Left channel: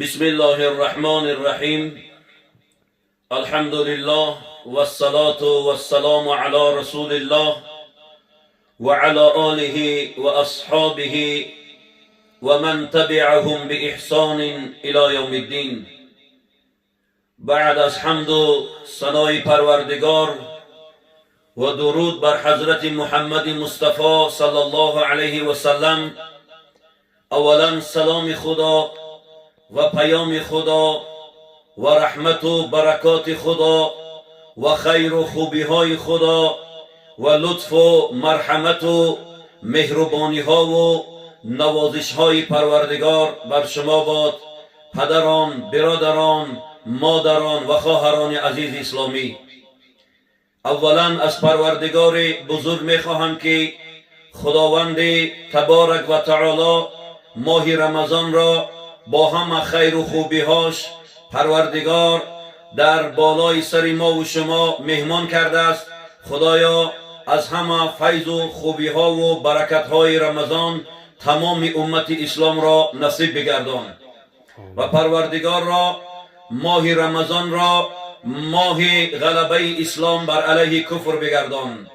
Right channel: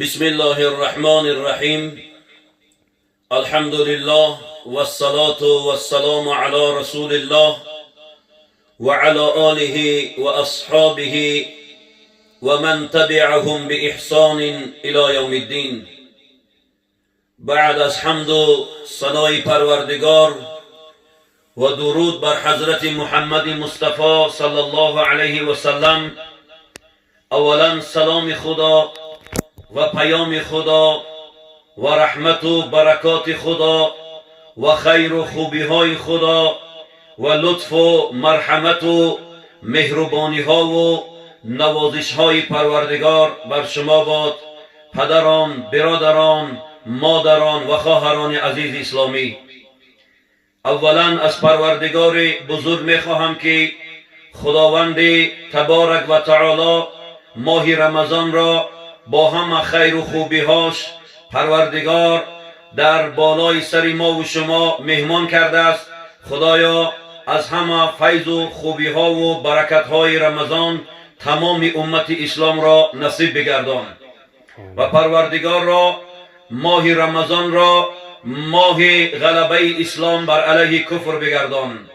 بسم الله الرحمن الرحیم. الحمد لله والصلاة والسلام على رسول الله وعلى آله وأصحابه ومن تبعهم بإحسان إلى يوم الدين. بعد از حمد و ثنای پروردگار و درود بر حضرت محمد مصطفی صلی الله علیه و سلم، اولا سلام خدا و پیام خدا و رحمت و برکات خدا و خیر و خوبی های خدا و لطف و مرحمت و مهربانی ها و نوازش های پروردگار بر شما باد، پدران، برادران، مادران و خواهران عزیز اسلامی. اولا از پروردگار بزرگ میخواهم که خداوند تبارک و تعالی ماه رمضان را با همه خیر و خوبی هاش پروردگار در بالای سر ما و شما مهمان کرده است. خدایا از همه فیض و خوبی ها و برکت های رمضان تمام امت اسلام را نصیب بگردان و پروردگار را ماه رمضان را ماه غلبه اسلام بر علیه کفر بگردان.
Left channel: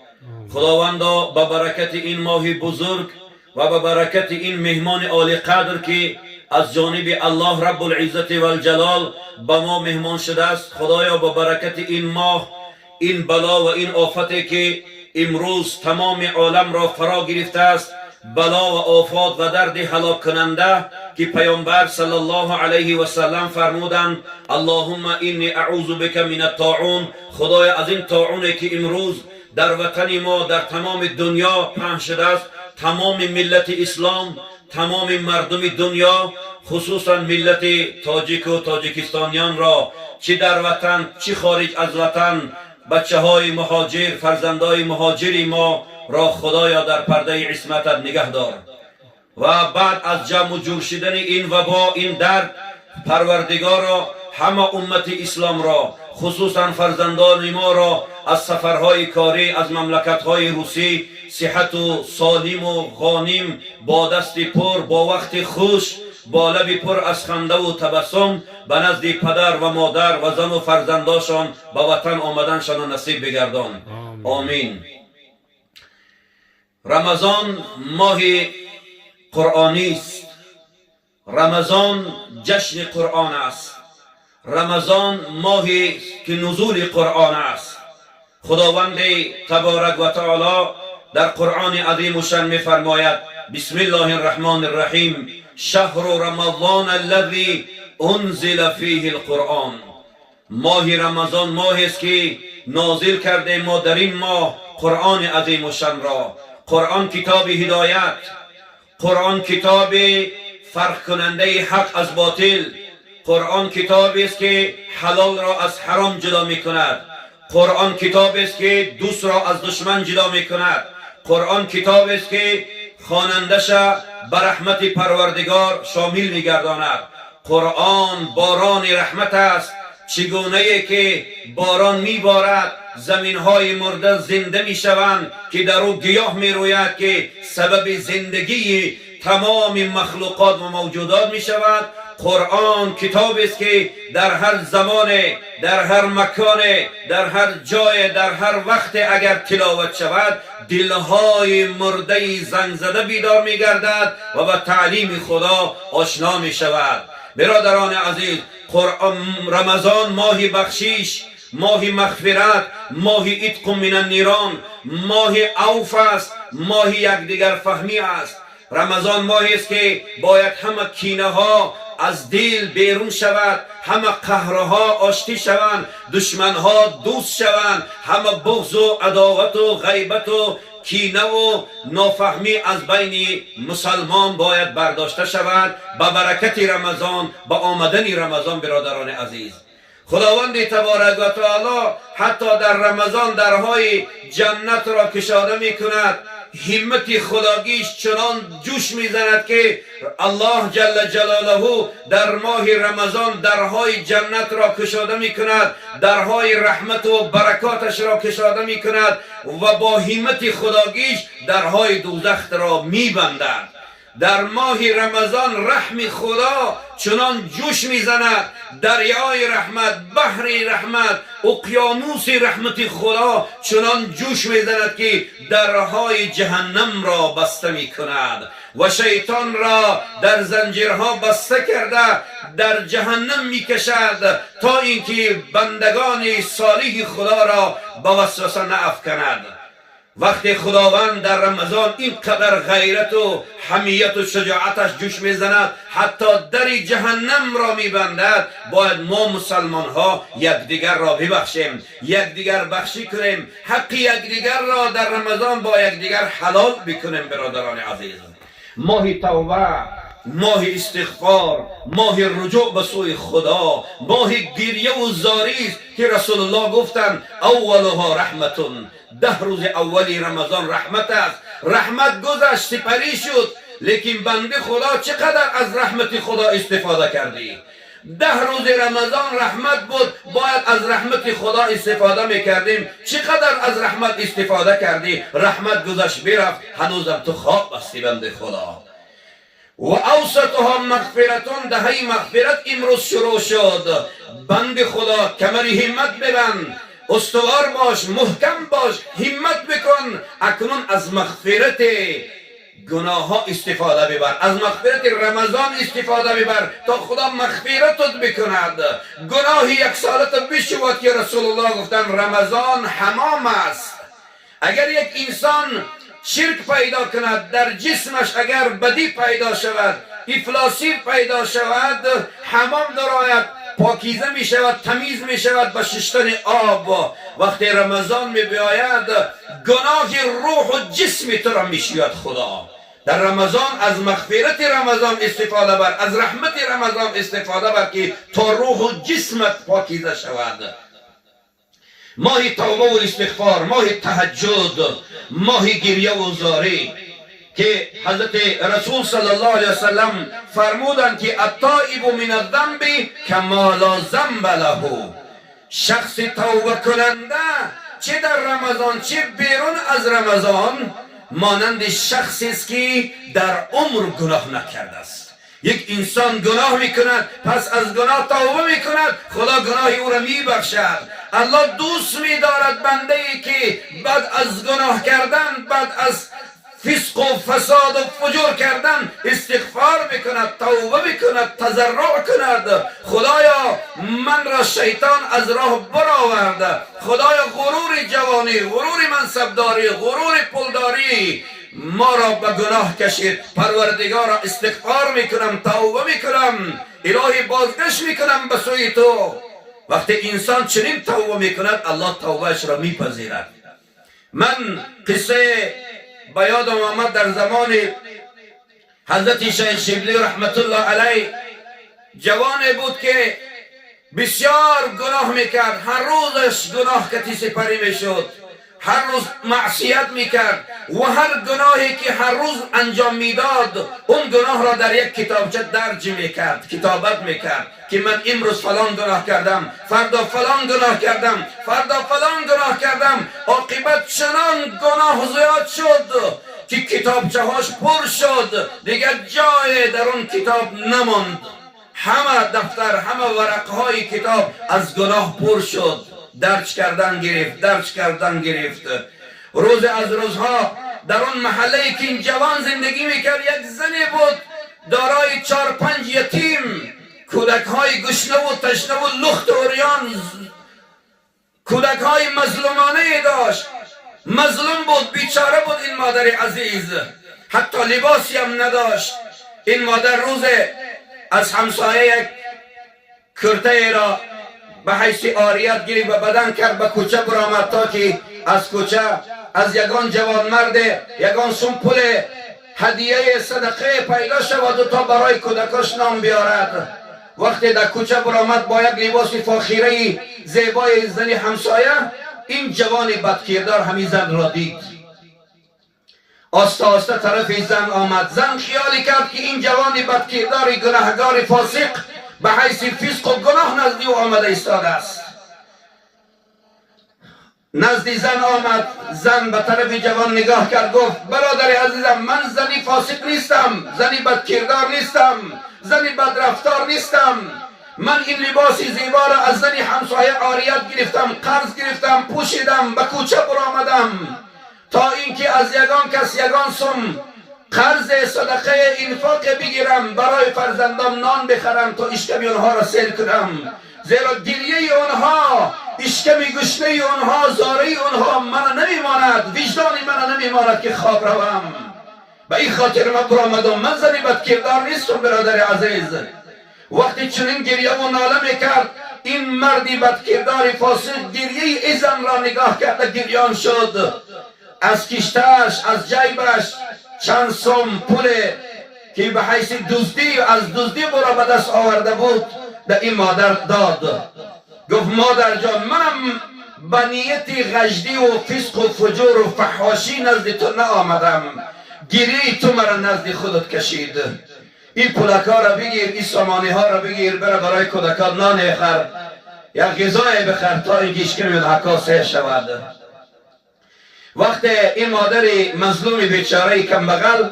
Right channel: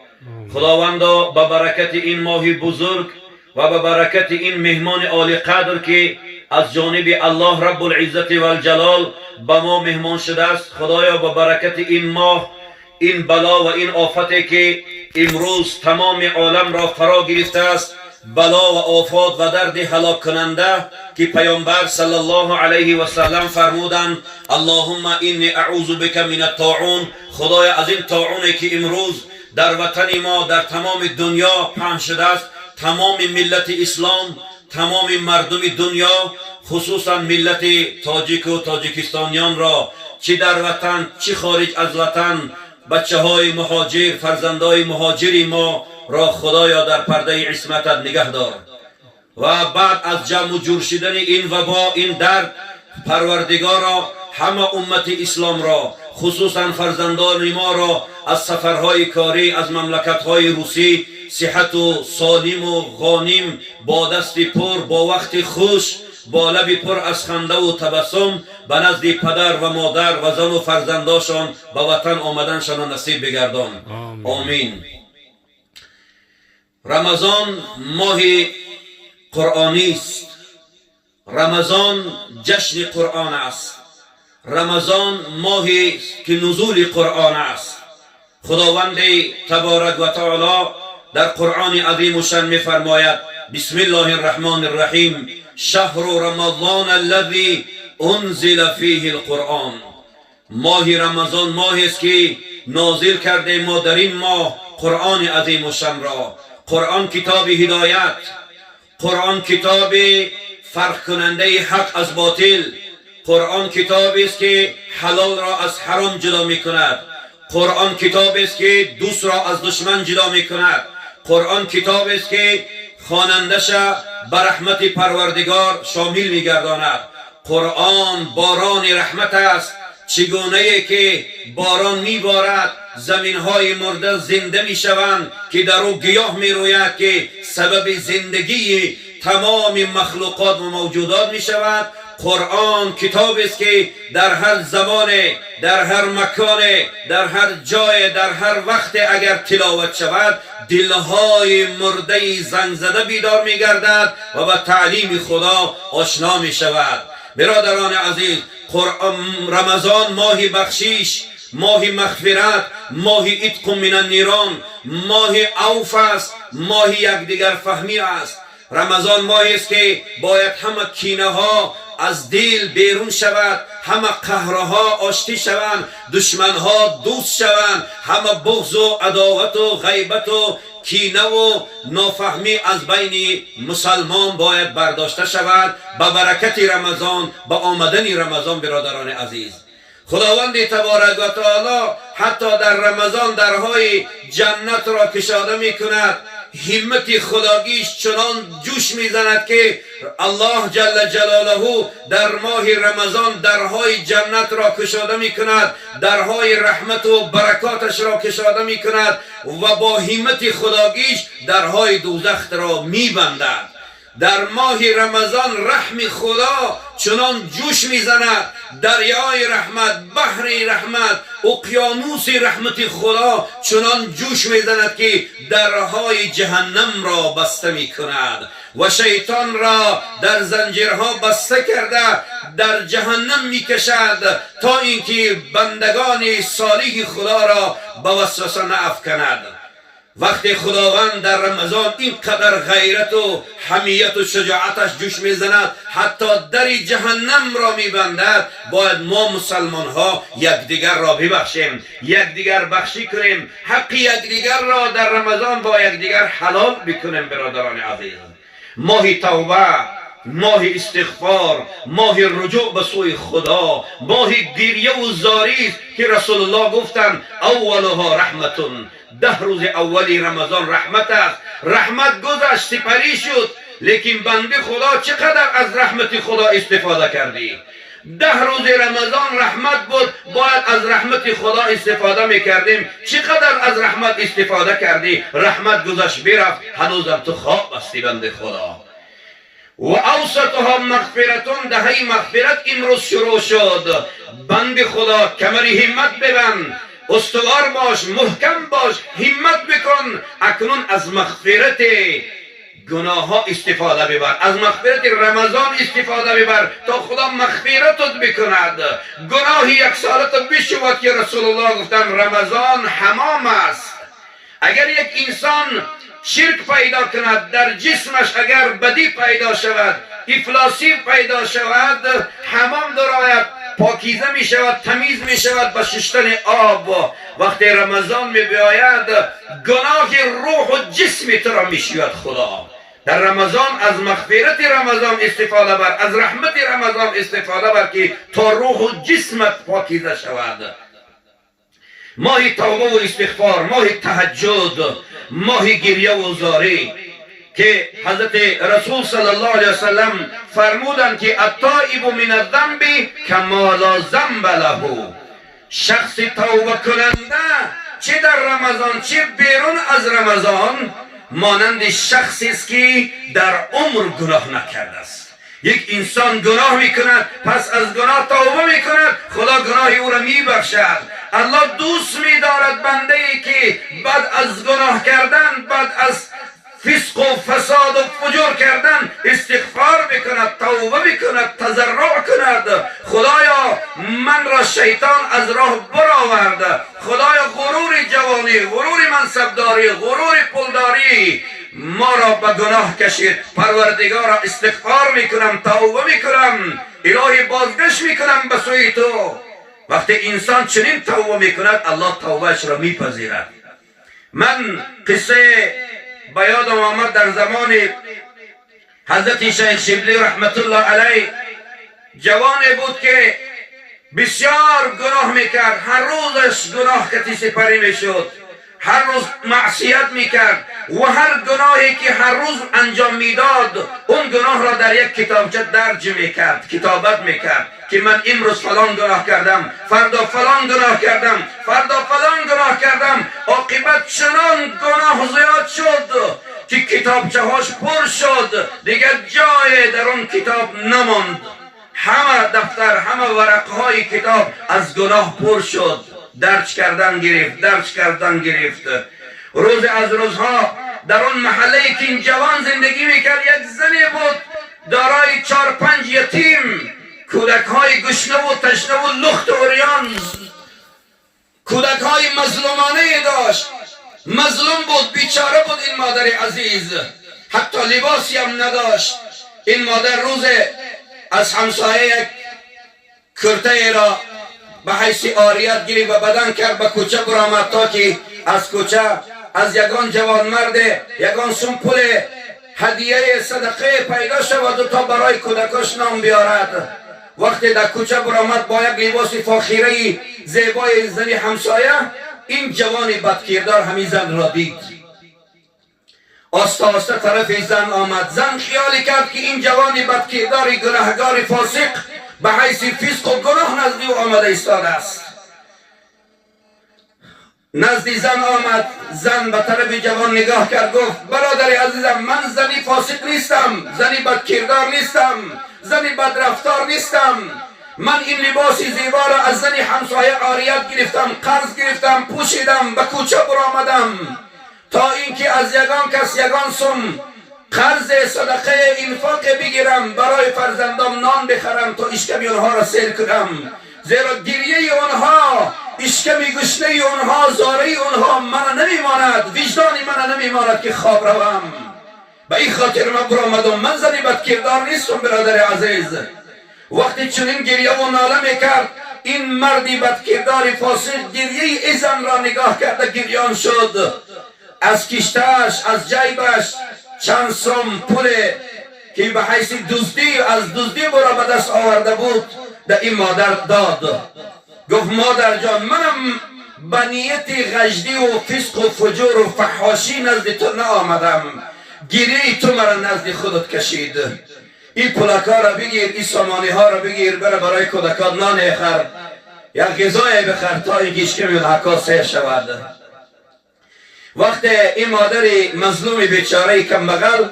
خداوندا به برکت این ماه بزرگ و به برکت این مهمان عالی قدر که از جانب الله رب العزت و الجلال به ما مهمان شده است، خدایا به برکت این ماه، این بلا و این آفتی که امروز تمام عالم را فرا گرفته است، بلا و آفات و درد هلاک کننده که پیامبر صلی الله علیه و سلم فرمودند اللهم انی اعوذ بک من الطاعون، خدایا از این طاعونی که امروز در وطن ما در تمام دنیا پهن شده است، تمام ملت اسلام، تمام مردم دنیا، خصوصا ملت تاجیک و تاجیکستانیان را چه در وطن چه خارج از وطن، بچه های مهاجر، فرزندای مهاجری ما را خدایا در پرده عصمتت نگه دار. و بعد از جمع جور شدن این وبا، این درد، پروردگارا همه امت اسلام را، خصوصا فرزندان ما را از سفرهای کاری از مملکت‌های روسی صحت و سالم و غانم، با دست پر، با وقت خوش، با لب پر از خنده و تبسم به نزد پدر و مادر و زن و فرزنداشان به وطن آمدنشان نصیب بگردان. آمین. رمضان ماه قرآنی است. رمضان جشن قرآن است. رمضان ماهی است که نزول قرآن است. خداوند تبارک و تعالی در قرآن عظیم و شان می‌فرماید بسم الله الرحمن الرحیم شهر رمضان الذی انزل فیه القرآن. ماه رمضان ماهی است که نازل کرده ما در این ماه قرآن عظیم و شان را. قرآن کتاب هدایت، قرآن کتاب فرق کننده حق از باطل، قرآن کتابی است که حلال را از حرام جدا می کند، قرآن کتابی است که دوست را از دشمن جدا می کند، قرآن کتابی است که خوانندش به رحمت پروردگار شامل می گرداند. قرآن باران رحمت است، چگونه که باران می بارد زمین های مرده زنده می شوند که در او گیاه می روید که سبب زندگی تمام مخلوقات و موجودات می شود. قرآن کتاب است که در هر زمان، در هر مکان، در هر جای، در هر وقت اگر تلاوت شود دلهای مرده زنگ زده بیدار می گردد و به تعلیم خدا آشنا می شود. برادران عزیز، رمضان ماه بخشش، ماه مغفرت، ماه عتق من النیران، ماه عوف است، ماه یکدیگر فهمی است. رمضان ماهی است که باید همه کینه ها از دل بیرون شود، همه قهرها آشتی شوند، دشمن ها دوست شوند، همه بغض و عداوت و غیبت و کینه و نافهمی از بین مسلمان باید برداشته شود به برکت رمضان، به آمدن رمضان. برادران عزیز، خداوند تبارک و تعالی حتی در رمضان درهای جنت را کشاده می کند. همت خداگیش چنان جوش میزند که الله جل جلاله در ماه رمضان درهای جنت را کشاده می کند، درهای رحمت و برکاتش را کشاده می کند و با همت خداگیش درهای دوزخ را می بندد. در ماه رمضان رحم خدا چنان جوش میزند، دریای رحمت، بحر رحمت، اقیانوس رحمت خدا چنان جوش میزند که درهای جهنم را بسته میکند و شیطان را در زنجیرها بسته کرده در جهنم میکشد تا اینکه بندگان صالح خدا را به وسوسه نافکند. وقتی خداوند در رمضان اینقدر غیرت و حمیت و شجاعتش جوش میزند حتی در جهنم را میبندد، باید ما مسلمان ها یکدیگر را ببخشیم، یکدیگر بخشی کنیم، حق یکدیگر را در رمضان با یکدیگر حلال بکنیم. برادران عزیز، ماه توبه، ماه استغفار، ماه رجوع به سوی خدا، ماه گریه و زاری است که رسول الله گفتند اولها رحمتون، 10 روز اولی رمضان رحمت است. رحمت گذشت، سپری شد، لیکن بنده خدا چقدر از رحمت خدا استفاده کردی؟ 10 روز رمضان رحمت بود، باید از رحمت خدا استفاده میکردیم. چقدر از رحمت استفاده کردی؟ رحمت گذشت برفت، هنوزم تو خواب هستی بنده خدا. و اوسطها مغفرتون، دهه مغفرت امروز شروع شد. بند خدا کمری همت ببند، استوار باش، محکم باش، همت بکن. اکنون از مغفرت گناه ها استفاده ببر، از مغفرت رمضان استفاده ببر تا خدا مغفرتت بکند. گناه 1 سالت بشود که رسول الله گفتن رمضان حمام است. اگر یک انسان شرک پیدا کند، در جسمش اگر بدی پیدا شود، افلاسی پیدا شود، حمام درآید، پاکیزه می شود، تمیز می شود به شستن آب. وقتی رمضان می بیاید گناه روح و جسم تو را می شوید خدا. در رمضان از مغفرت رمضان استفاده بر، از رحمت رمضان استفاده بر که تا روح و جسمت پاکیزه شود. ماه توبه و استغفار، ماه تهجد، ماه گریه و زاری که حضرت رسول صلی الله علیه وسلم فرمودند که التائب من الذنب کما لا ذنب له. شخص توبه کننده چه در رمضان چه بیرون از رمضان مانند شخصی است که در عمر گناه نکرده است. یک انسان گناه میکند، پس از گناه توبه میکند، خدا گناه او را میبخشد. الله دوست میدارد بنده ای که بعد از گناه کردن، بعد از فسق و فساد و فجور کردن استغفار بکند، توبه بکند، تضرع کند. خدایا من را شیطان از راه برآورد، خدایا غرور جوانی، غرور منصبداری، غرور پولداری ما را به گناه کشید. پروردگارا استغفار میکنم، توبه میکنم، الهی بازگشت میکنم به سوی تو. وقتی انسان چنین توبه میکند الله توبهش را میپذیرد. من قصه به یادم آمد در زمان حضرت شیخ شبلی رحمت الله علیه. جوانی بود که بسیار گناه میکرد، هر روزش گناه کتی سپری میشد، هر روز معصیت میکرد و هر گناهی که هر روز انجام میداد اون گناه را در یک کتابچه درج میکرد، کتابت میکرد که من امروز فلان گناه کردم، فردا فلان گناه کردم، فردا فلان گناه کردم. عاقبت چنان گناه زیاد شد که کتابچه هاش پر شد، دیگر جای در اون کتاب نماند. همه دفتر، همه ورقهای کتاب از گناه پر شد، درج کردن گرفت، درج کردن گرفت. روز از روزها در اون محله که این جوان زندگی میکرد یک زنی بود دارای 4-5 یتیم، کودک های گشنه و تشنه و لخت و عریان، کودک های مظلومانه داشت. مظلوم بود، بیچاره بود این مادر عزیز، حتی لباسی هم نداشت. این مادر روز از همسایه یک کرته را به حیث آریت گرفت و بدن کرد، به کوچه برآمد تا که از کوچه از یگان جوان مرد یگان سمپل هدیه صدقه پیدا شود و تا برای کودکاش نام بیارد. وقتی در کوچه برآمد با یک لباس فاخره زیبای زنی همسایه، این جوان بدکردار همین زن را دید. آسته آسته طرف زن آمد. زن خیالی کرد که این جوان بدکردار گناهگار فاسق به حیث فسق و گناه نزد او آمده ایستاده است. نزد زن آمد. زن به طرف جوان نگاه کرد، گفت برادر عزیزم، من زنی فاسق نیستم، زنی بدکردار نیستم، زنی بدرفتار نیستم. من این لباس زیبا را از زنی همسایه عاریت گرفتم، قرض گرفتم، پوشیدم، به کوچه برآمدم تا اینکه از یگان کس یگان سم قرض صدقه انفاق بگیرم، برای فرزندام نان بخرم تا اشکم اونها را سیر کنم. زیرا گریه اونها، اشکم گشنه اونها، زاره اونها من نمیماند، وجدان من نمیماند که خواب روم. به این خاطر من برآمدم. من زنی بدکردار نیستم برادر عزیز. وقتی چنین گریه و ناله میکرد، این مردی بدکردار فاسق گریه ای زن را نگاه کرده گریان شد. از کشتش، از جیبش چند سوم پول که به حیث دزدی از دزدی برا به دست آورده بود به این مادر داد. گفت مادر جان، منم به نیت غجدی و فسق و فجور و فحاشی نزد تو نآمدم، گریه تو مرا نزد خودت کشید. این پولکا را بگیر، این سامانی ها را بگیر، برای کودکان نان بخر یا غذای بخر تا این گیشکم اون حکا سه شود. وقتی این مادر مظلوم بیچاره کم بغل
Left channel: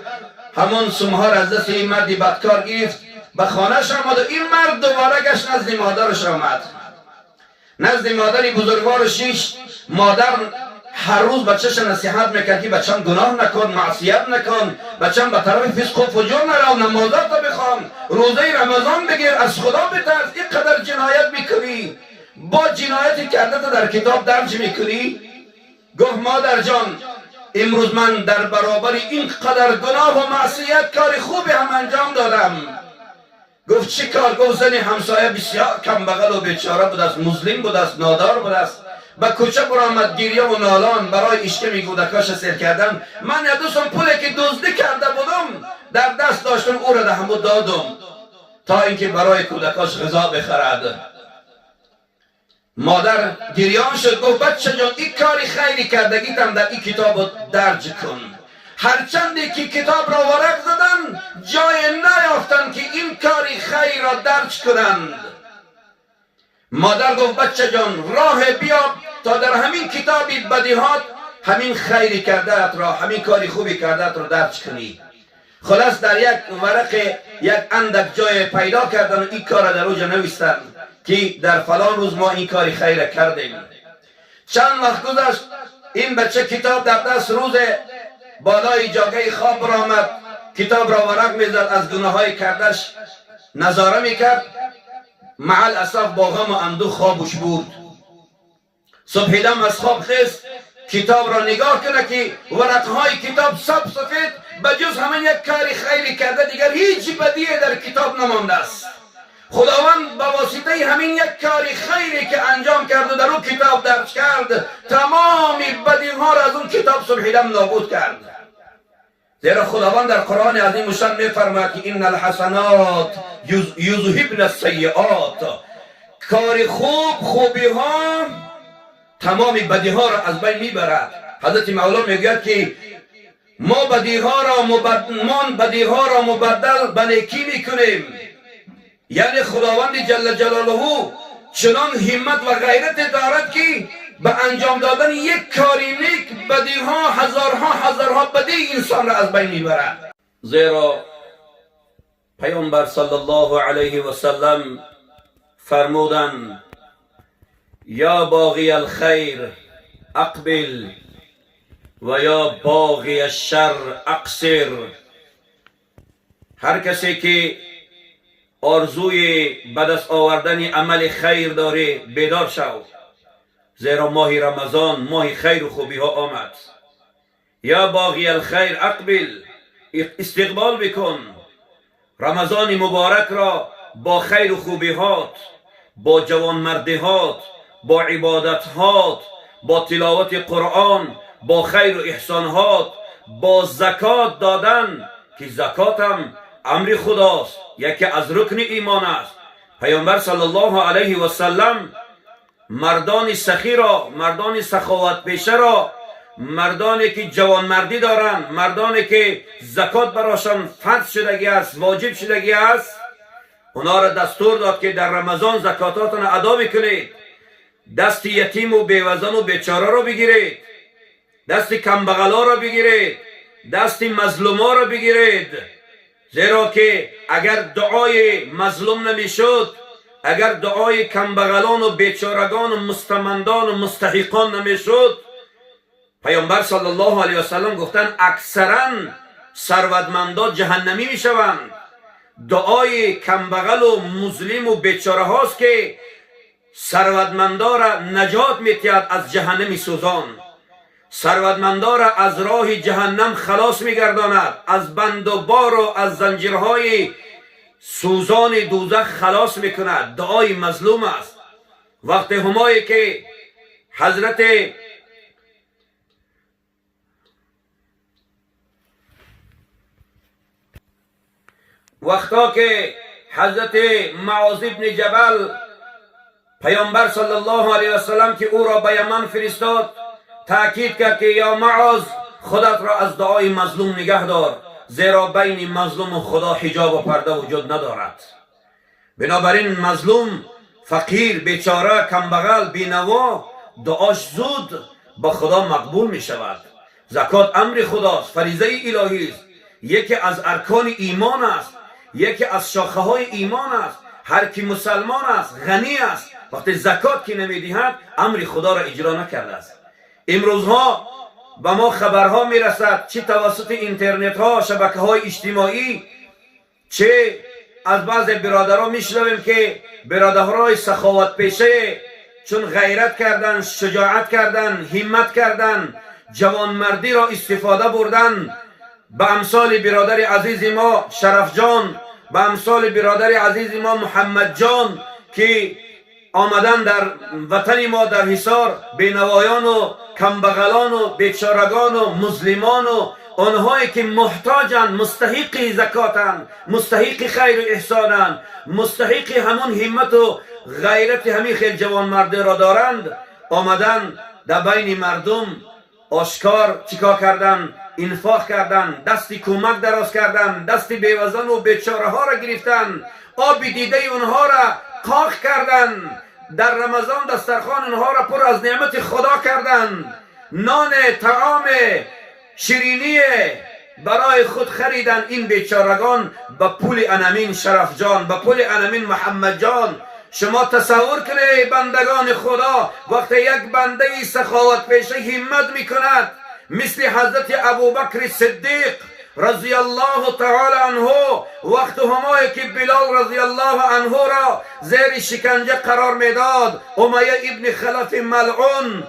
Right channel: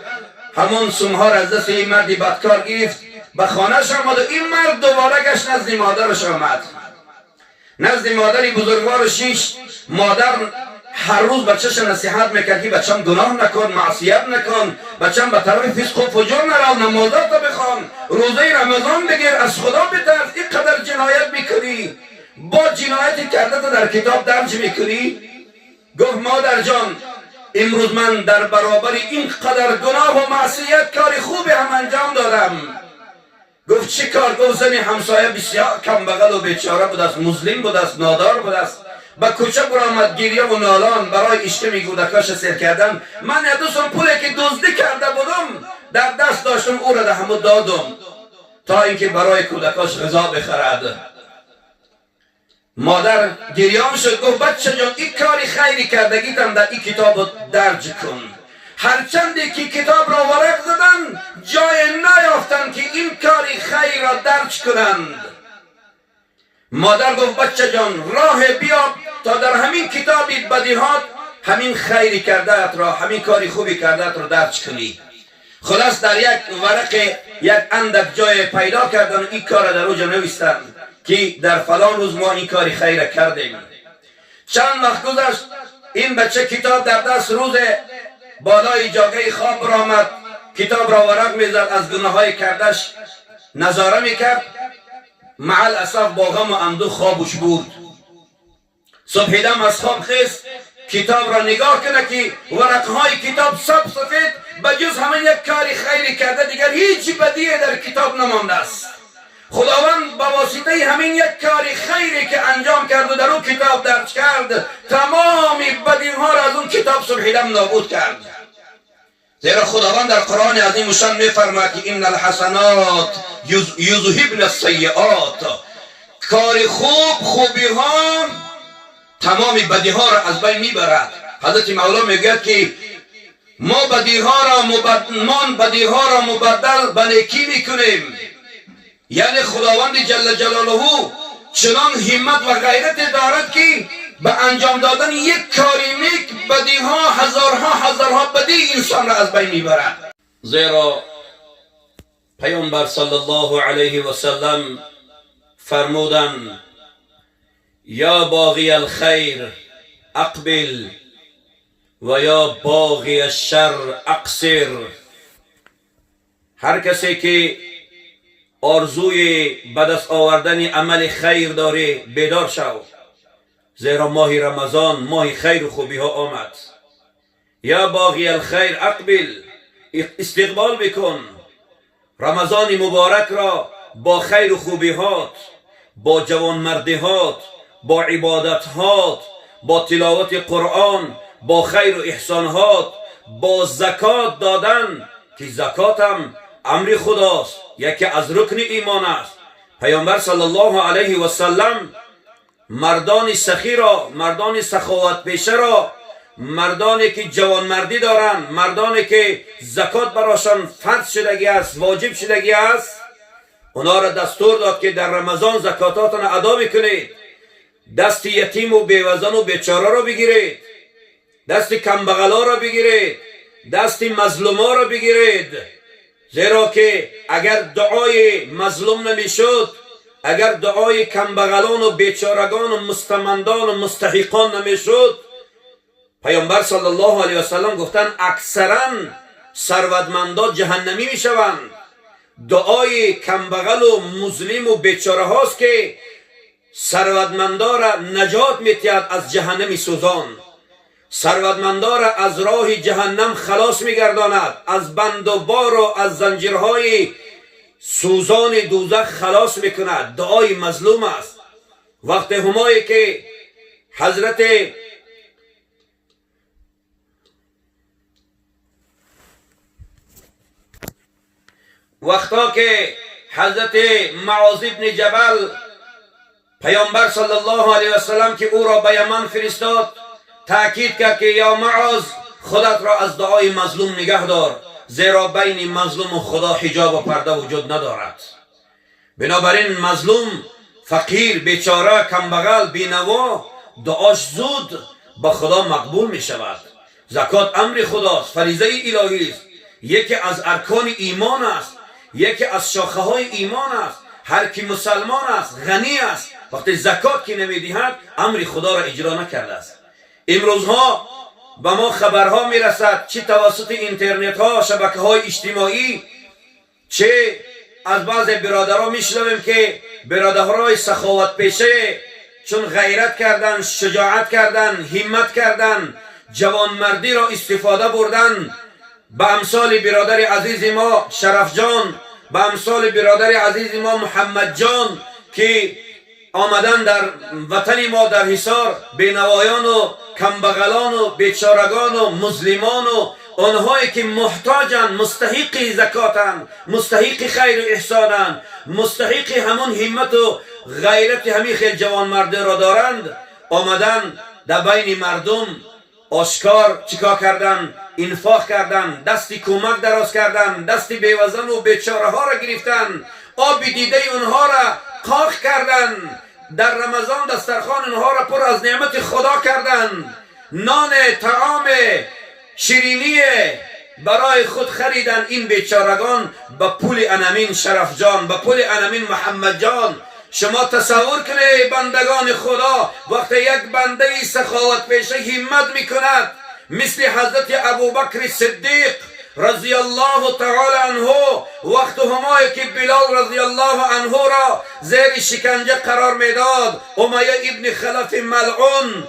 همون سومها را از دست این مردی بدکار گرفت، به خانهش آمد و این مرد دوباره گشت نزد مادرش آمد. نزد مادری بزرگوار شیش. مادر هر روز بچهش نصیحت میکرد که بچم گناه نکن، معصیت نکن، بچم به طرف فسق و فجور نرو، نمازات بخوان، روزه رمضان بگیر، از خدا بترس. اینقدر جنایت میکنی، با جنایتی کرده تو در کتاب درج میکنی. گفت مادر جان، امروز من در برابر این قدر گناه و معصیت کار خوبی هم انجام دادم. گفت چی کار؟ گفت زنی همسایه بسیار کم بغل و بیچاره بود است، مسلم بود است، نادار بود است، به کوچه برآمد گریه و نالان برای اشکم کودکاش سیر کردن. من دوستم پولی که دزدی کرده بودم در دست داشتم، او را دهم دادم تا اینکه برای کودکاش غذا بخرد. مادر گریان شد، گفت بچه جان، این کاری خیری کردگیتم در این کتاب درج کن. هرچندی که کتاب را ورق زدن، جای نیافتن که این کاری خیر را درج کنند. مادر گفت بچه جان، راه بیا تا در همین کتابی بدیهات همین خیری کرده را، همین کاری خوبی کرده را درج کنی. خلاص در یک ورق یک اندک جای پیدا کردن و این کار در اوجا نویستن که در فلان روز ما این کاری خیر کردیم. چند وقت گذشت، این بچه کتاب در دست، روز بالای جاگه خواب برآمد، کتاب را ورق میزد، از گناه های کردش نظاره میکرد. مع الاسف با غم و اندوه خوابش بود. صبح دم از خواب خیست، کتاب را نگاه کنه که ورقهای کتاب سفید، بجز همین یک کاری خیری کرده، دیگر هیچ بدیه در کتاب نمانده است. خداوند با واسطه همین یک کاری خیری که انجام کرد و در اون کتاب درج کرد، تمامی بدیها را از اون کتاب صبح دم نابود کرد. زیرا خداوند در قرآن عظیم شان میفرماید که ان الحسنات یذهبن السیئات، کار خوبی ها تمامی بدی ها را از بین میبرد. حضرت مولا میگوید که ما بدی ها را مبدل به نیکی میکنیم. یعنی خداوند جل جلاله چنان همت و غیرت دارد که به انجام دادن یک کاری نیک بدیها هزارها بدی انسان را از بین میبرد. زیرا پیامبر صلی الله علیه و سلم فرمودند یا باغی الخیر اقبل و یا باغی الشر اقصر. هر کسی که آرزوی به دست آوردن عمل خیر داره بیدار شو، زیرا ماه رمضان ماه خیر و خوبی ها آمد. یا باغی الخیر اقبل، استقبال بکن رمضان مبارک را با خیر و خوبی هات، با جوانمردی هات، با عبادت هات، با تلاوت قرآن، با خیر و احسان هات، با زکات دادن که زکات هم امر خداست، یکی از رکن ایمان است. پیامبر صلی الله علیه و سلم مردان سخی را، مردان سخاوت پیشه را، مردانی که جوانمردی دارند، مردانی که زکات براشان فرض شدگی است، واجب شدگی است، اونا را دستور داد که در رمضان زکاتاتون ادا میکنید. دست یتیم و بیوزن و بیچاره را بگیرید، دست کمبغلا را بگیرید، دست مظلوما را بگیرید. زیرا که اگر دعای مظلوم نمیشد، اگر دعای کمبغلان و بیچارگان و مستمندان و مستحقان نمیشد، پیامبر صلی الله علیه و سلم گفتن اکثرا ثروتمندا جهنمی میشوند. دعای کمبغل و مظلم و بیچاره هاست که ثروتمندا را نجات میتید از جهنم سوزان، ثروتمندا را از راه جهنم خلاص میگرداند، از بند و بار و از زنجیرهای سوزان دوزخ خلاص میکند. دعای مظلوم است. وقت همایی که حضرت معاذ بن جبل پیامبر صلی الله علیه و سلم که او را به یمن فرستاد، تاکید کرد که یا معاذ خودت را از دعای مظلوم نگه دار، زیرا بین مظلوم و خدا حجاب و پرده وجود ندارد. بنابراین مظلوم، فقیر، بیچاره، کمبغل، بینوا دعاش زود به خدا مقبول می شود. زکات امر خداست، فریضه الهی است، یکی از ارکان ایمان است، یکی از شاخه های ایمان است. هر کی مسلمان است، غنی است، وقتی زکات که نمیدهد امر خدا را اجرا نکرده است. امروزها به ما خبرها میرسد، چه توسط اینترنت ها، شبکه های اجتماعی، چه از بعض برادرها میشنویم که برادرهای سخاوت پیشه چون غیرت کردن، شجاعت کردن، همت کردن، جوانمردی را استفاده بردن، به امثال برادر عزیز ما شرف جان، به امثال برادر عزیز ما محمد جان که آمدن در وطن ما در حصار، بینوایان و کمبغلان و بیچارگان و مظلمان و آنهایی که محتاجن، مستحق زکاتن، مستحق خیر و احسانن، مستحق همون همت و غیرت همین خیل جوان مرده را دارند، آمدن در بین مردم آشکار چیکار کردن؟ انفاق کردن، دستی کمک دراز کردن، دستی بیوزن و بیچاره ها را گرفتن، آب دیده اونها را قاق کردن، در رمضان دسترخوان اونها را پر از نعمت خدا کردن، نان، طعام، شیرینی برای خود خریدن. این بیچارگان به پول انامین شرف جان، به پول انامین محمد جان. شما تصور کنید بندگان خدا وقتی یک بنده سخاوت پیشه همت میکند، مثل حضرت ابوبکر صدیق رضی الله تعالی عنه، وقت همایی که بلال رضی الله عنه را زیر شکنجه قرار میداد، امیه ابن خلف ملعون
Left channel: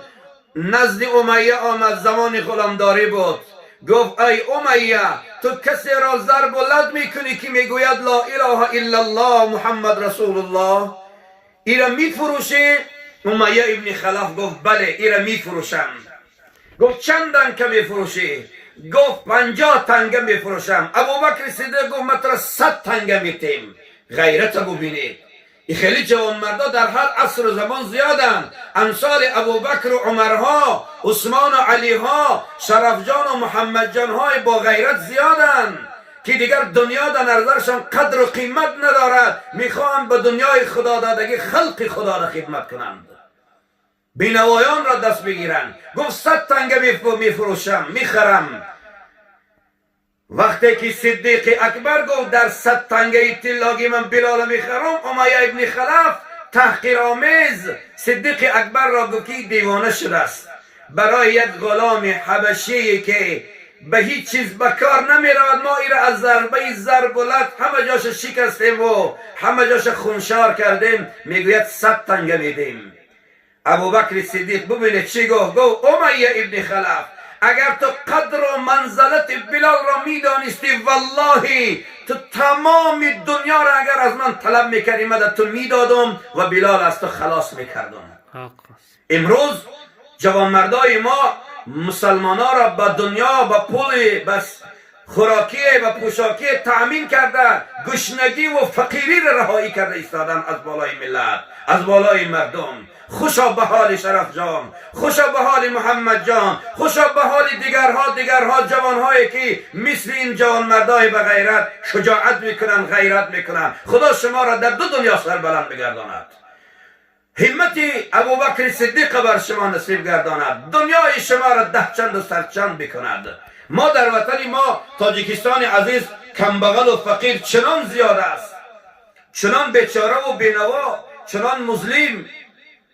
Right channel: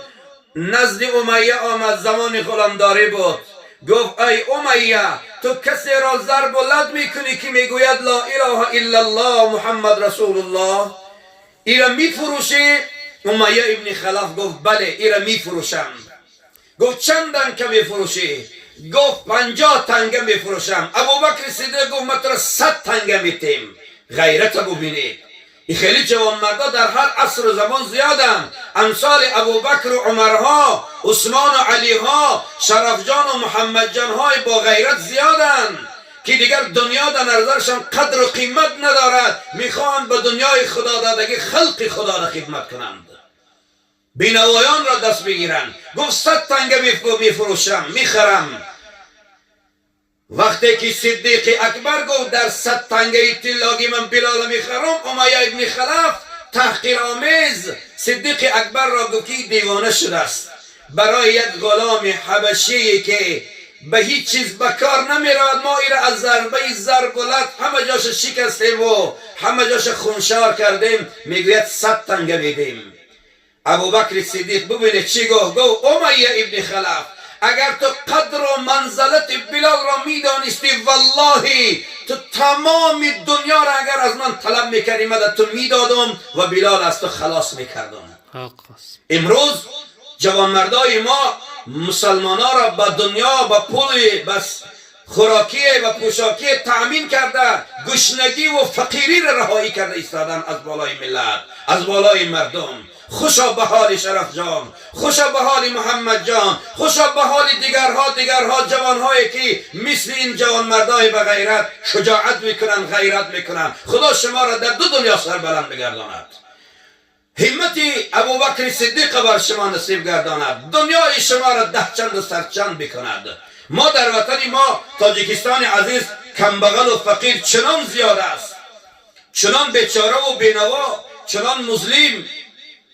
نزد امیه آمد، زمان غلامداری بود. گفت ای امیه، تو کسی را ضرب و لد میکنی که میگوید لا اله الا الله محمد رسول الله، ایرا میفروشی؟ امیه ابن خلف گفت بله ایرا میفروشم. گفت چندن که میفروشی؟ گفت 50 تنگه میفروشم. ابوبکر صدیق گفت من تو 100 تنگه میتیم. غیرت ببینید. این خیلی جوان مردا در هر عصر و زمان زیادن، امثال ابوبکر و عمرها، عثمان و علیها، شرفجان و محمد جانهای با غیرت زیادن که دیگر دنیا در نظرشان قدر و قیمت ندارد، میخواهند به دنیای خدا دادگی خلق خدا را خدمت کنند، بینوایان را دست بگیرند. گفت 100 تنگه میفروشم، میخرم. وقتی که صدیق اکبر گفت در 100 تنگه طلاگی من بلال میخرم، امیه ابن خلف تحقیر آمیز صدیق اکبر را گفت که دیوانه شده است، برای یک غلام حبشی که به هیچ چیز بکار نمیرود، ما ایره از ضربه ضربلت همه جاش شکستیم و همه جاش خونشار کردیم، میگوید 100 تنگه میدیم. ابوبکر صدیق ببینید چی گفت؟ گفت امیه ابن خلف، اگر تو قدر و منزلت بلال را میدانستی، والله تو تمام دنیا را اگر از من طلب میکردی مدد تو میدادم و بلال از تو خلاص میکردم. امروز جوانمردای ما مسلمان ها را به دنیا، به پول، بس خوراکی و پوشاکی تأمین کرده، گشنگی و فقیری را رهایی کرده ایستادن از بالای ملت، از بالای مردم. خوشا به حال شرف جان، خوشا به حال محمد جان، خوشا به حال دیگرها جوانهایی که مثل این جوانمردای به غیرت شجاعت میکنن، غیرت میکنن. خدا شما را در دو دنیا سربلند بگرداند. همت ابوبکر صدیق بر شما نصیب گرداند، دنیای شما را ده چند و سرچند بکند. ما در وطن ما تاجیکستان عزیز کمبغل و فقیر چنان زیاد است، چنان بیچاره و بینوا، چنان مظلم،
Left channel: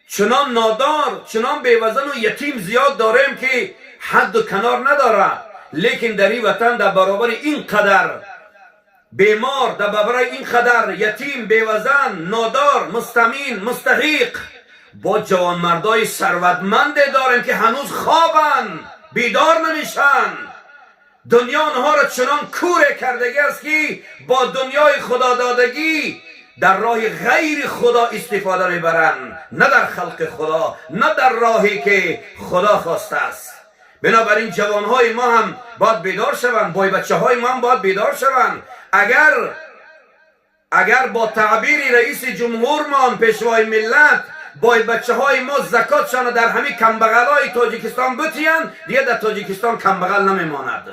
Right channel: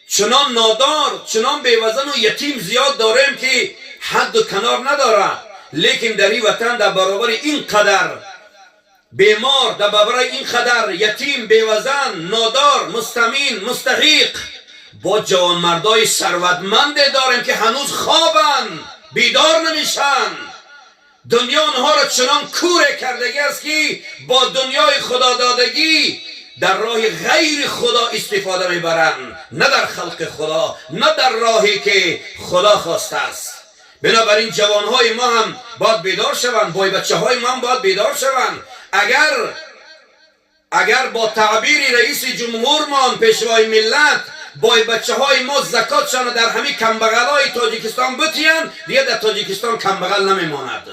چنان نادار، چنان بیوزن و یتیم زیاد داریم که حد و کنار نداره. لیکن در این وطن در برابر این قدر بیمار، در برابر این قدر یتیم، بیوزن، نادار، مستمین، مستحق، با جوانمردای ثروتمند داریم که هنوز خوابن، بیدار نمیشن. دنیا آنها را چنان کوره کردگی است که با دنیای خدا دادگی در راه غیر خدا استفاده میبرند، نه در خلق خدا، نه در راهی که خدا خواسته است. بنابراین جوانهای ما هم باید بیدار شوند، بای بچه های ما هم باید بیدار شوند. اگر با تعبیر رئیس جمهورمان پیشوای ملت بای بچه های ما زکاتشان در همین کمبغل های تاجیکستان بتیان، دیگه در تاجیکستان کمبغل نمیماند.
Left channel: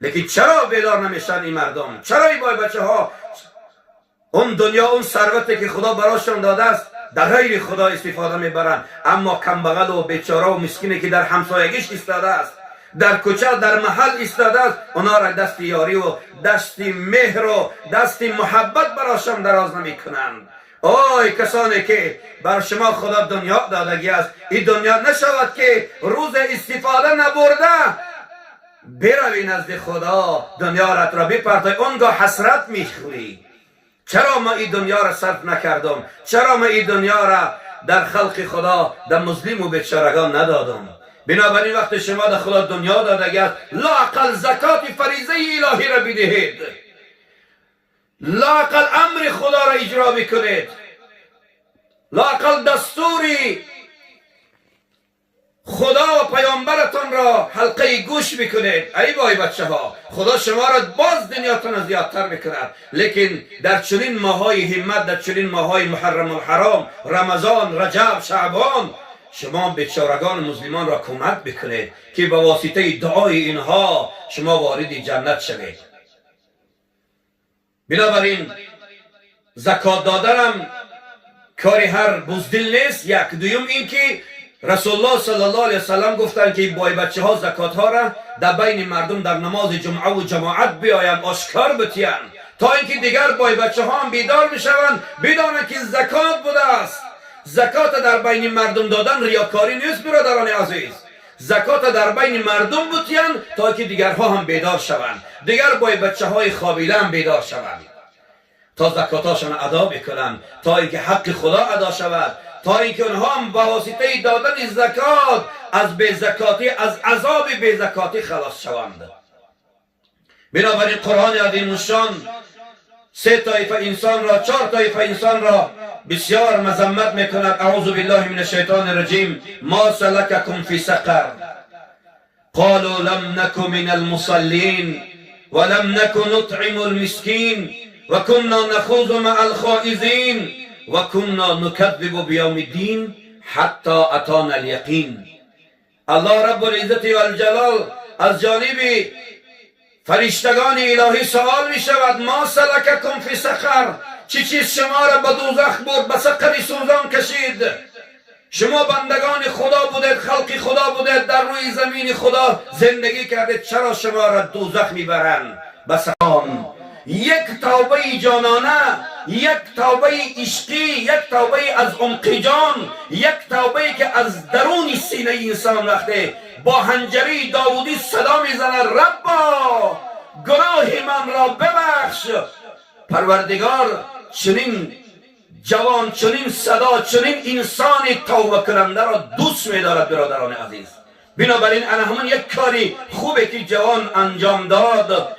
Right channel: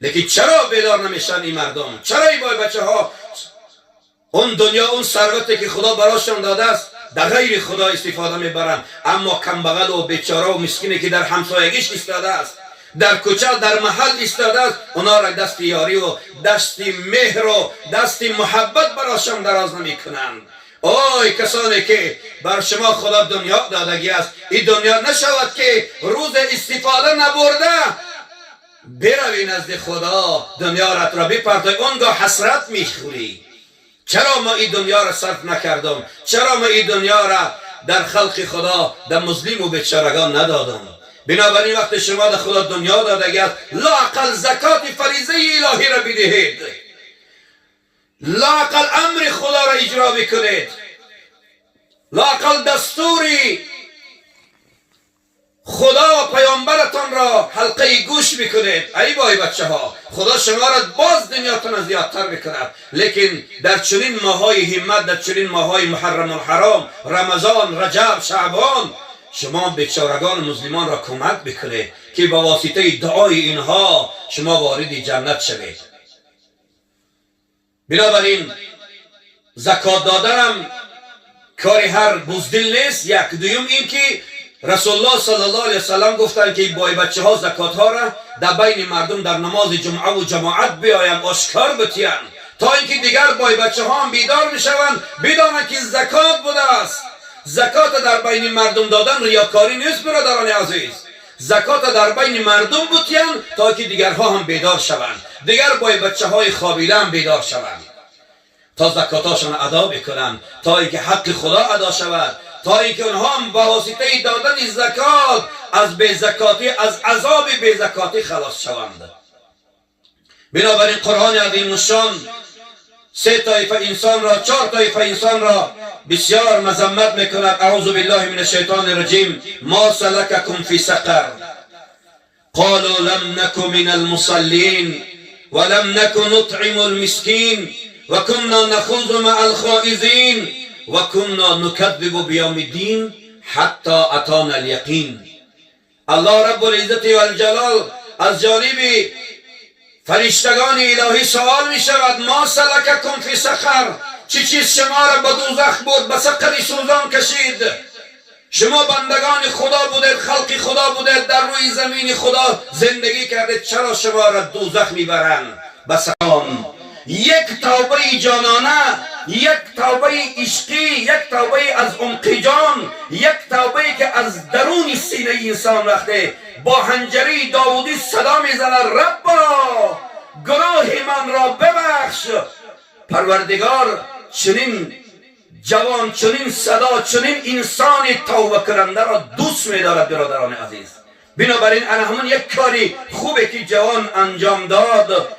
لیکن چرا بیدار نمیشن این مردم؟ چرا این بای بچه ها اون دنیا، اون ثروتی که خدا براشون داده است در غیر خدا استفاده میبرن؟ اما کمبغل و بیچاره و مسکینی که در همسایگیش ایستاده است، در کوچه در محل ایستاده است، اونا را دست یاری و دست مهر و دست محبت براشون دراز نمیکنند. اوه کسانی که بر شما خدا دنیا دادگی است، این دنیا نشود که روز استفاده نبرده بروی نزد خدا، دنیا را بپرتای، اونگاه حسرت میخوری. چرا ما این دنیا را صرف نکردم؟ چرا ما این دنیا را در خلق خدا، در مظلم و بیچارگان ندادم؟ بنابراین وقت شما در خدا دنیا دادگی است، لااقل زکات فریضه الهی را بدهید، لااقل امر خدا را اجرا بکنید، لااقل دستوری خدا و پیامبرتان را حلقه گوش بکنید. ای بای بچه ها، خدا شما را باز دنیاتون زیادتر بکند. لیکن در چنین ماهای همت، در چنین ماهای محرم الحرام، رمضان، رجب، شعبان، شما بیچارگان مسلمان را کمک بکنید که با واسطه دعای اینها شما وارد جنت شوید. بنابراین زکات دادنم کاری هر بزدل نیست. یک دوم این که رسول الله صلی الله علیه وسلم گفتند که بای بچه ها زکات ها را در بین مردم در نماز جمعه و جماعت بیایند، آشکار بتیند، تا اینکه دیگر بای بچه ها هم بیدار میشوند، بدانند که زکات بوده است. زکات در بین مردم دادن ریاکاری نیست برادران عزیز. زکات در بین مردم بتیند تا اینکه دیگرها هم بیدار شوند، دیگر بای بچه های خوابیده هم بیدار شوند، تا زکاتاشون ادا بکنند، تا اینکه حق خدا ادا شود، تا اینکه اونها هم با واسطه دادن زکات از بیزکاتی، از عذاب بیزکاتی خلاص شوند. بنابراین قرآن عظیم الشان سه طایفه انسان را، چهار طایفه انسان را بسیار مذمت میکند. اعوذ بالله من الشیطان الرجیم. ما سلککم فی سقر قالوا لم نک من المصلین ولم نک نطعم المسکین وكنا نخوض مع الخائضین وكنا نكذب بيوم الدين حتى اتانا اليقين. الله رب العزت و الجلال از جانب فرشتگان الهی سوال می شود: ما سلککم فی سقر، چی چیز شما را به دوزخ برد، به سقر سوزان کشید؟ شما بندگان خدا بودید، خلق خدا بودید، در روی زمین خدا زندگی کردید، چرا شما را دوزخ میبرند؟ بس یک توبه جانانه، یک توبه عشقی، یک توبه از عمق جان، یک توبه که از درون سینه انسان رفته با حنجره داودی صدا میزنه: ربا گناه من را ببخش. پروردگار چنین جوان، چنین صدا، چنین انسان توبه کننده را دوست می‌دارد برادران عزیز. بنابراین انا همون یک کاری خوبه که جوان انجام داد،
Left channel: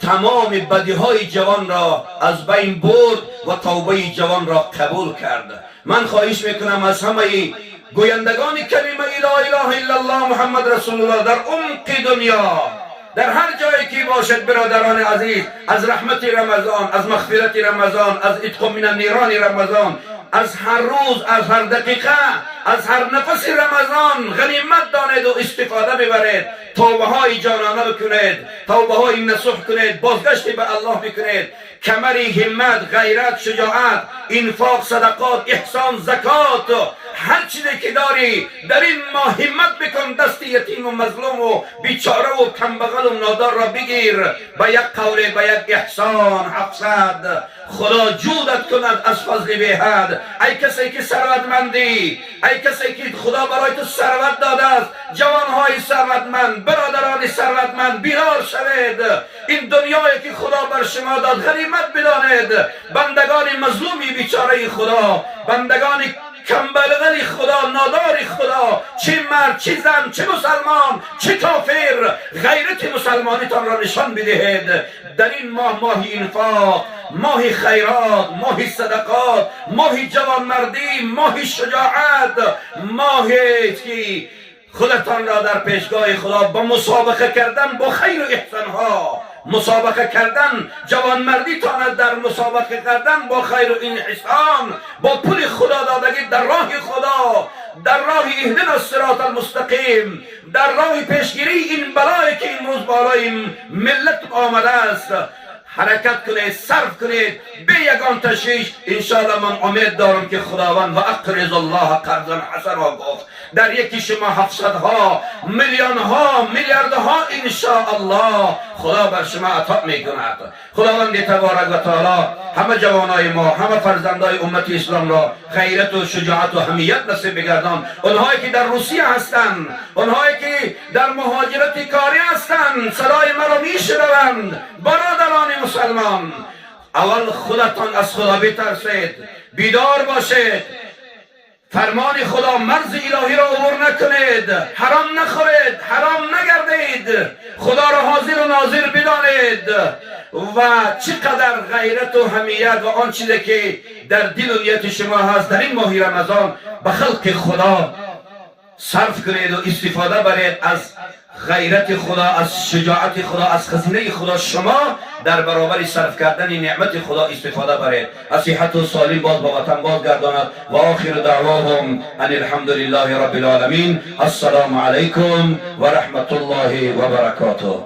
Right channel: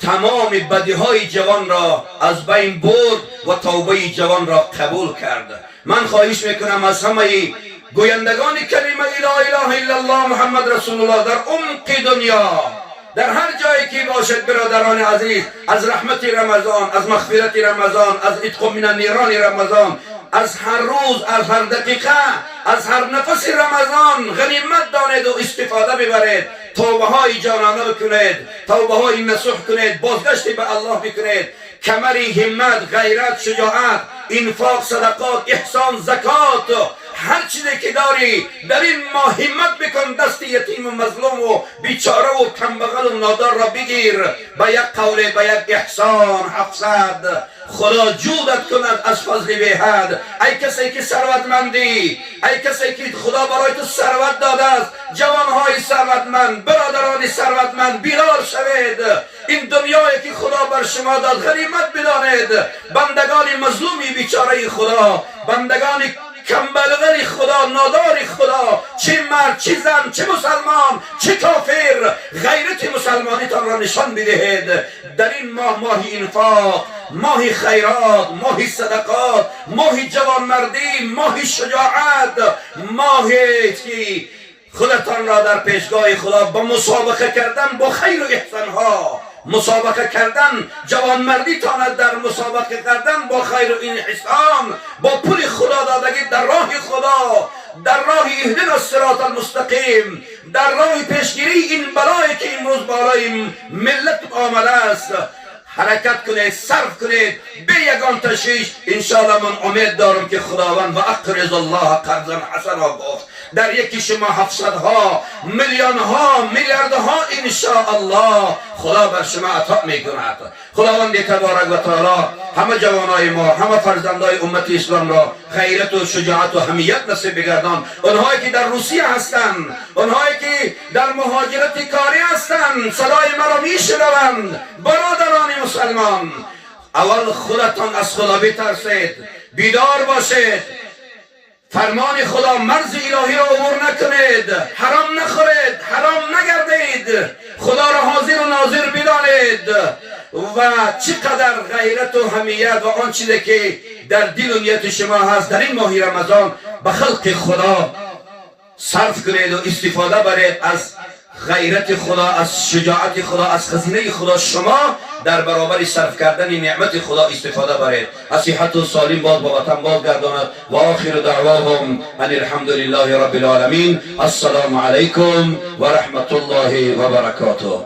تمام بدیهای جوان را از بین برد و توبه جوان را قبول کرد. من خواهش میکنم از همه گویندگان کلمه لا اله الا الله محمد رسول الله در عمق دنیا، در هر جایی که باشد برادران عزیز، از رحمت رمضان، از مغفرت رمضان، از عتق من النیران رمضان، از هر روز، از هر دقیقه، از هر نفس رمضان غنیمت دانید و استفاده ببرید. توبه های جانانه بکنید، توبه های نصوح کنید، بازگشت به الله بکنید. کمری همت، غیرت، شجاعت، انفاق، صدقات، احسان، زکات، هر چیزی که داری در این ماه همت بکن دست یتیم و مظلوم و بیچاره و کمبغل و نادار را بگیر. به یک قول، به یک احسان 700 خدا جودت کند از فضل بی حد. ای کسی که ثروتمندی، ای کسی که خدا برای تو ثروت داده است، جوانهای ثروتمند، برادران ثروتمند، بیدار شوید. این دنیایی که خدا بر شما داد غنیمت بدانید. بندگان مظلومی بیچاره خدا، بندگان کمبلغل خدا، نادار خدا، چه مرد، چه زن، چه مسلمان، چه کافر، غیرت مسلمانیتان را نشان بدهید. در این ماه، ماه انفاق، ماه خیرات، ماه صدقات، ماه جوانمردی، ماه شجاعت، ماهی که خودتان را در پیشگاه خدا با مسابقه کردن با خیر و احسان ها، مسابقه کردن، جوانمردی تاند در مسابقه کردن با خیر و این احسان، با پول خدا دادگی در راه خدا، در راه اهدنا الصراط المستقیم، در راه پیشگیری این بلایی که این روز بالای ملت آمده است. حرکت کنید، صرف کنید به یگان تشویش. انشاءالله من امید دارم که خداوند و اقرض الله قرضا حسنا گفت در یکی شما 700 ها، میلیون ها، میلیارد ها انشاءالله خدا بر شما عطا میکند. خداوند تبارک و تعالی همه جوانای ما، همه فرزندای امت اسلام را غیرت و شجاعت و حمیت نصیب بگردان. اونهایی که در روسیه هستند، اونهایی که در مهاجرت کاری هستند، صدای مرا میشنوند. برادران مسلمان، اول خودتان از خدا بترسید، بیدار باشید. فرمان خدا، مرز الهی را عبور نکنید، حرام نخورید، حرام نگردید، خدا را حاضر و ناظر بدانید و چقدر غیرت و حمیت و آن چیزی که در دل و نیت شما هست در این ماه رمضان به خلق خدا صرف کنید و استفاده برید از غیرت خدا، از شجاعت خدا، از خزینه خدا. شما در برابر صرف کردن نعمت خدا استفاده برید. از صحت و سالم باز با وطن بازگرداند. و آخر دعواهم ان الحمد لله رب العالمین. السلام علیکم و رحمت الله و برکاته.